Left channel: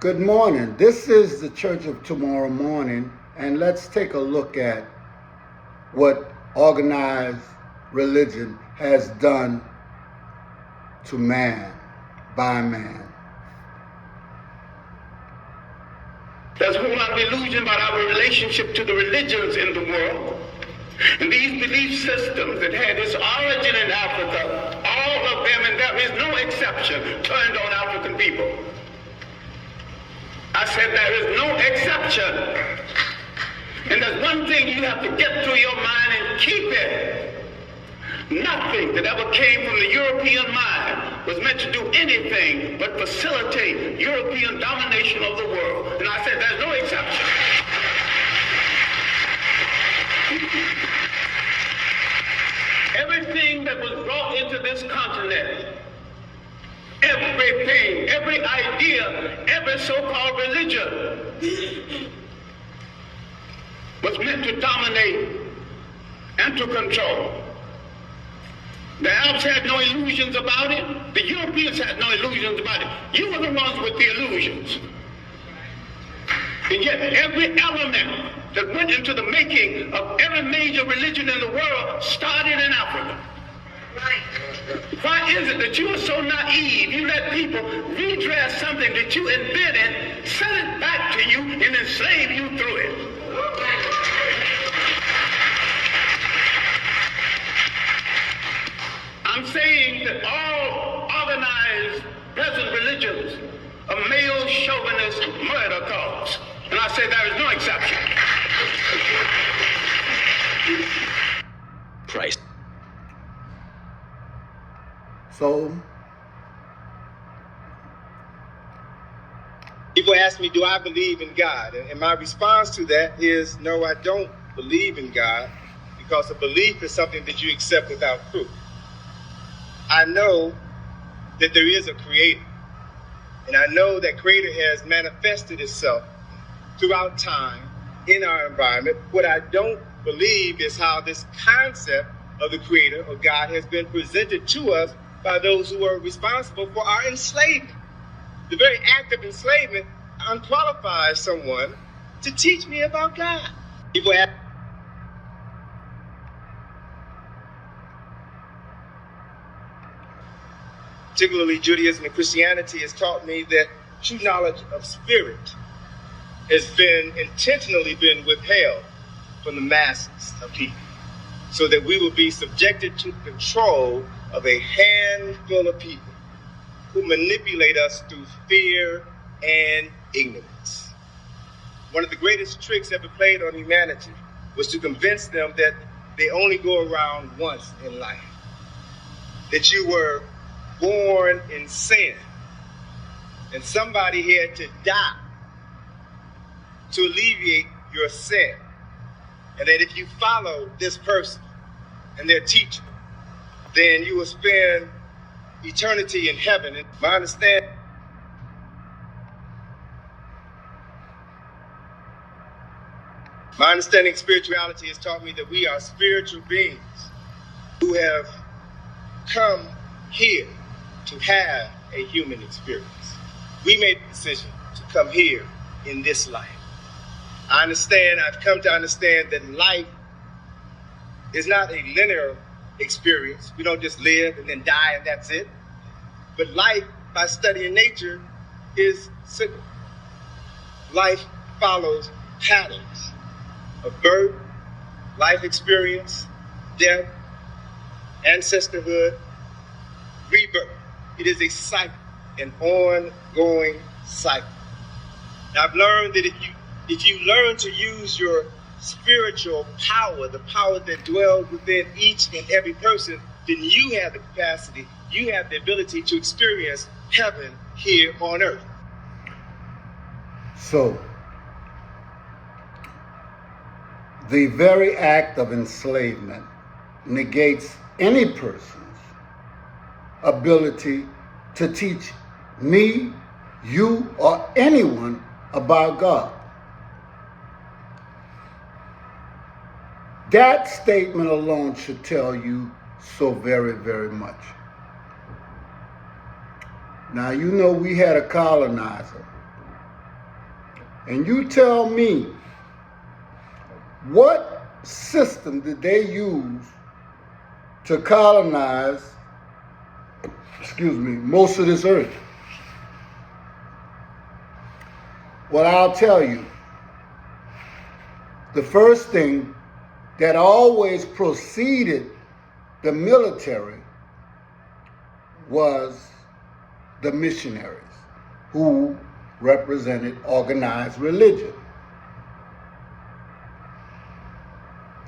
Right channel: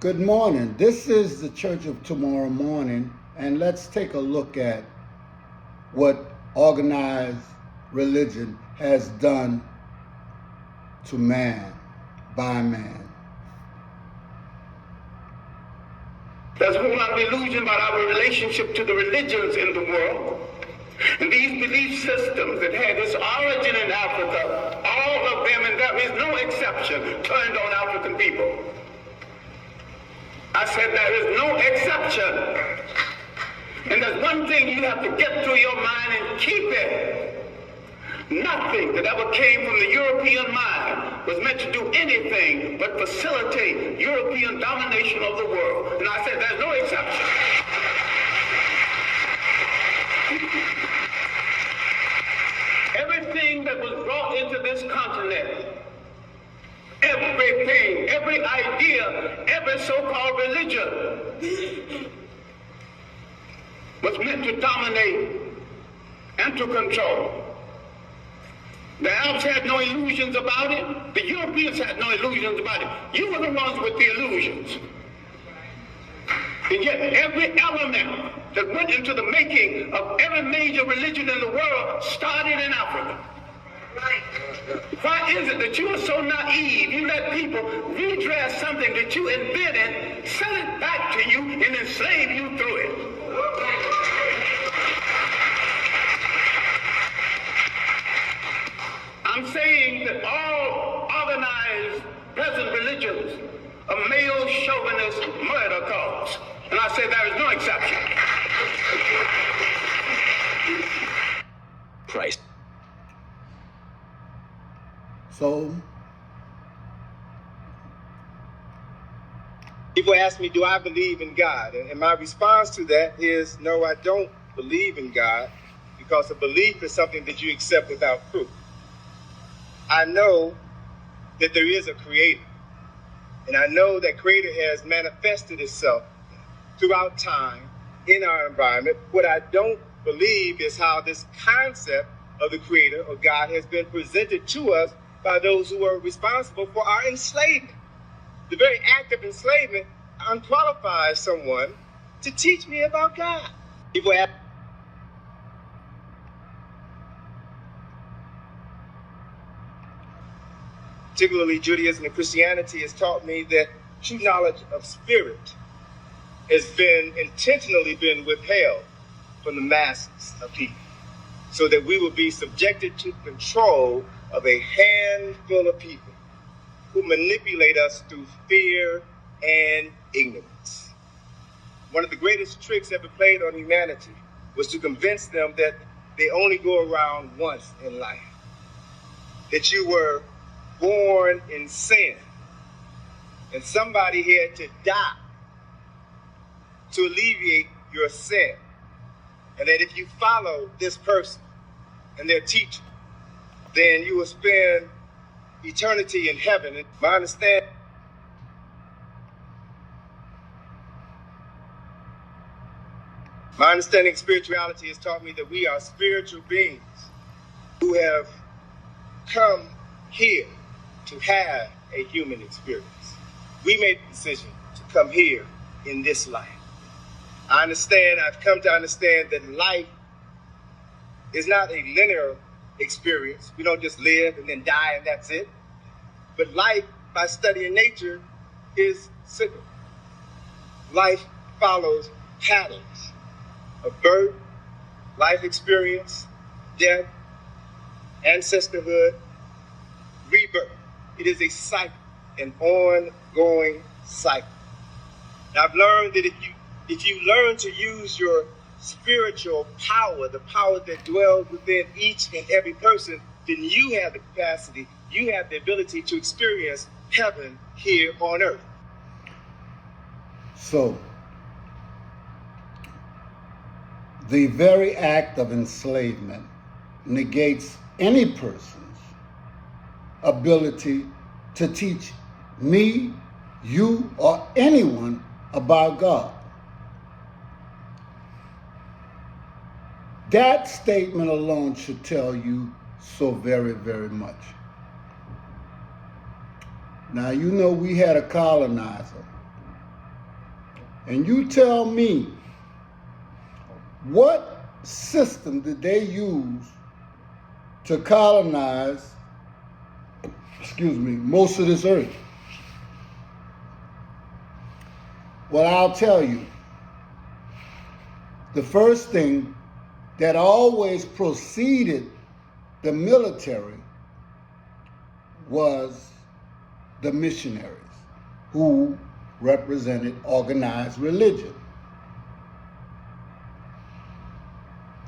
Good morning. This is the Church of Tomorrow Morning, and let's take a look at what organized religion has done to man, by man. There's a whole lot of illusion about our relationship to the religions in the world. And these belief systems that had its origin in Africa, all of them, and there is no exception, turned on African people. I said there is no exception. And there's one thing you have to get through your mind and keep it. Nothing that ever came from the European mind was meant to do anything but facilitate European domination of the world. And I said there's no exception. Everything that was brought into this continent, everything, every idea, every so-called religion was meant to dominate and to control. The Arabs had no illusions about it. The Europeans had no illusions about it. You were the ones with the illusions. And yet every element that went into the making of every major religion in the world started in Africa. Why is it that you are so naive? You let people redress something that you invented, sell it back to you, and enslave you through it. I'm saying that all organized present religions are male chauvinist murder cults. And I say there is no exception. Christ. So, people ask me, do I believe in God? And my response to that is, no, I don't believe in God, because a belief is something that you accept without proof. I know that there is a creator, and I know that creator has manifested itself throughout time in our environment. What I don't believe is how this concept of the creator, of God, has been presented to us by those who are responsible for our enslavement. The very act of enslavement unqualifies someone to teach me about God. People ask, particularly Judaism and Christianity, has taught me that true knowledge of spirit has been intentionally withheld from the masses of people, so that we will be subjected to the control of a handful of people who manipulate us through fear and ignorance. One of the greatest tricks ever played on humanity was to convince them that they only go around once in life, that you were born in sin, and somebody had to die to alleviate your sin, and that if you follow this person and their teaching, then you will spend eternity in heaven. And my understanding of spirituality has taught me that we are spiritual beings who have come here to have a human experience. We made the decision to come here in this life. I've come to understand that life is not a linear experience. We don't just live and then die and that's it. But life, by studying nature, is simple. Life follows patterns of birth, life experience, death, ancestorhood, rebirth. It is a cycle, an ongoing cycle. Now, I've learned that if you learn to use your spiritual power, the power that dwells within each and every person, then you have the capacity, you have the ability to experience heaven here on earth. So, the very act of enslavement negates any person's ability to teach me, you, or anyone about God. That statement alone should tell you so very, very much. Now, you know we had a colonizer And you tell me, what system did they use to colonize, most of this earth? Well, I'll tell you. The first thing that always preceded the military was the missionaries, who represented organized religion.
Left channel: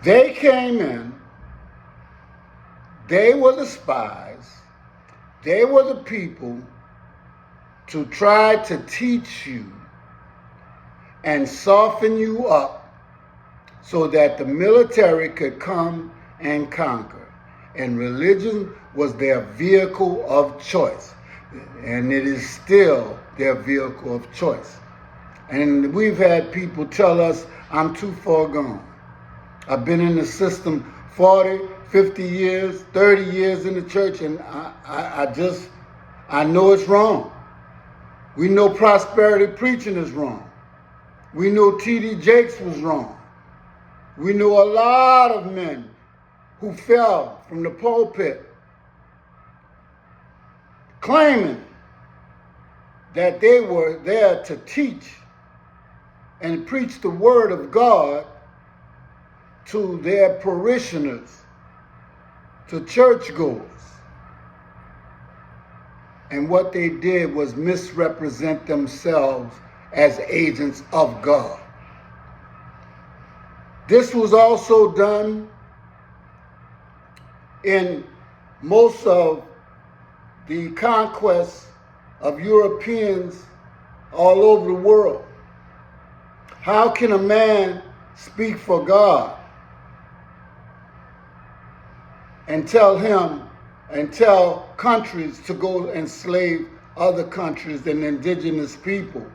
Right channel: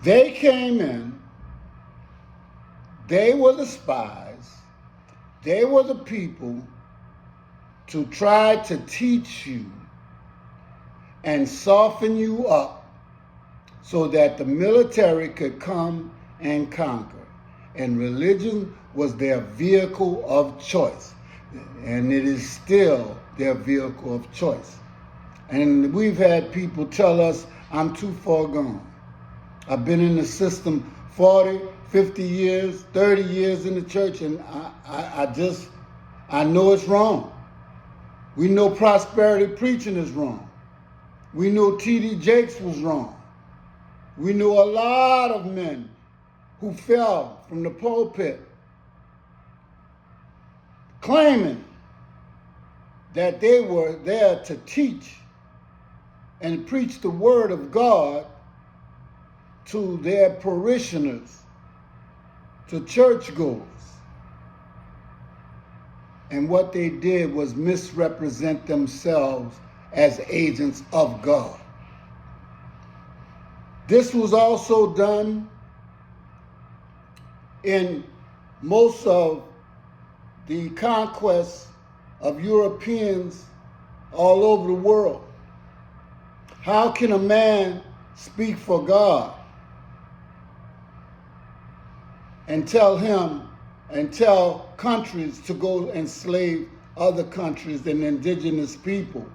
They came in, they were the spies, they were the people to try to teach you and soften you up so that the military could come and conquer. And religion was their vehicle of choice. And it is still their vehicle of choice. And we've had people tell us, I'm too far gone. I've been in the system 40, 50 years, 30 years in the church, and I know it's wrong. We know prosperity preaching is wrong. We know T.D. Jakes was wrong. We know a lot of men who fell from the pulpit claiming that they were there to teach and preach the word of God to their parishioners, to churchgoers. And what they did was misrepresent themselves as agents of God. This was also done in most of the conquests of Europeans all over the world. How can a man speak for God and tell countries to go enslave other countries and indigenous people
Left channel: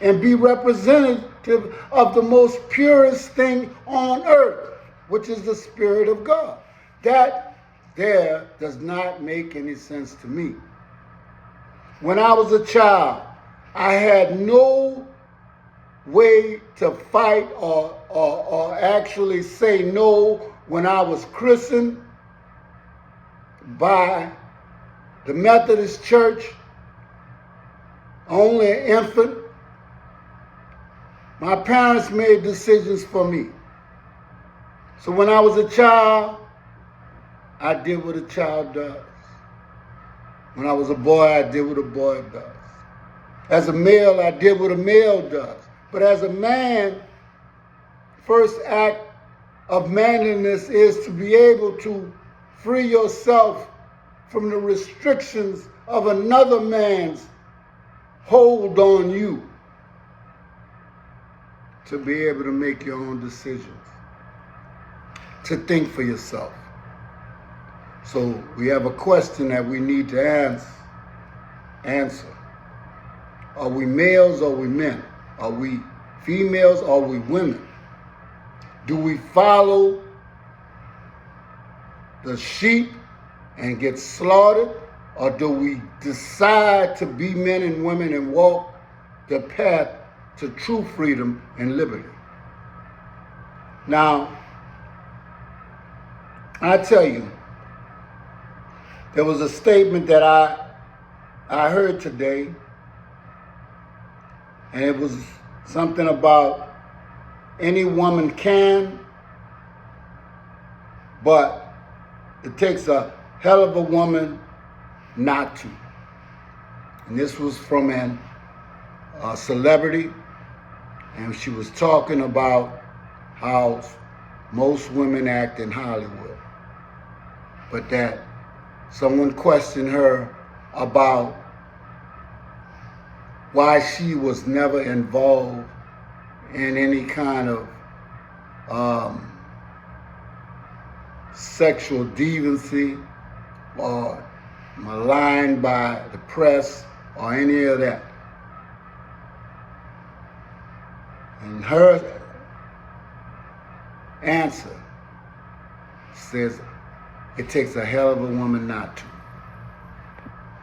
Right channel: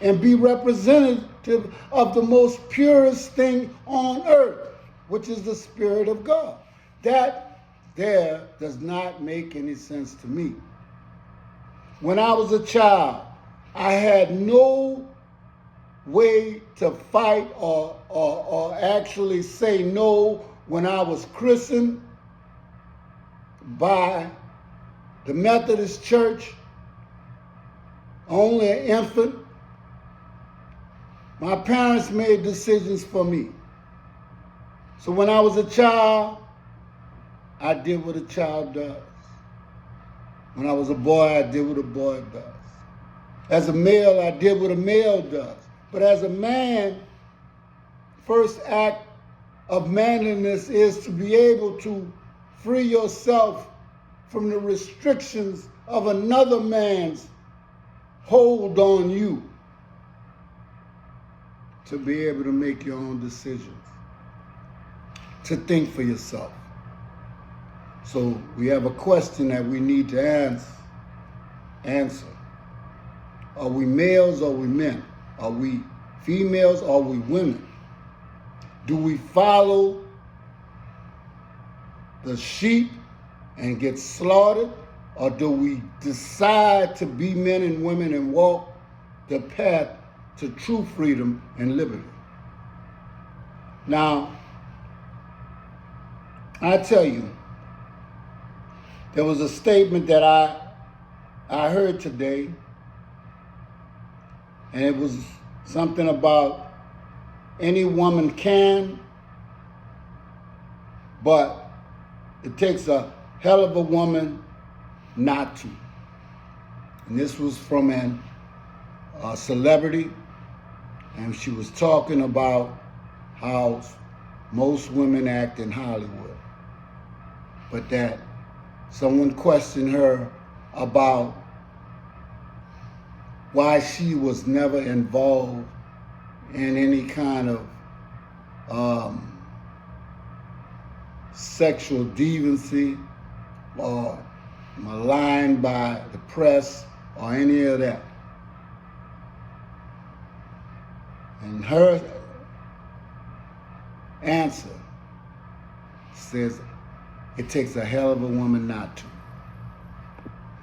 and be representative of the most purest thing on earth, which is the Spirit of God? That there does not make any sense to me. When I was a child, I had no way to fight or actually say no when I was christened by the Methodist Church, only an infant. My parents made decisions for me. So when I was a child, I did what a child does. When I was a boy, I did what a boy does. As a male, I did what a male does. But as a man, first act of manliness is to be able to free yourself from the restrictions of another man's hold on you, to be able to make your own decisions, to think for yourself. So we have a question that we need to answer. Are we males or are we men? Are we females or are we women? Do we follow the sheep and get slaughtered, or do we decide to be men and women and walk the path to true freedom and liberty? Now, I tell you, there was a statement that I heard today, and it was something about any woman can, but it takes a hell of a woman not to. And this was from a celebrity, and she was talking about how most women act in Hollywood, but that someone questioned her about why she was never involved in any kind of sexual deviancy or maligned by the press or any of that. And her answer says, it takes a hell of a woman not to.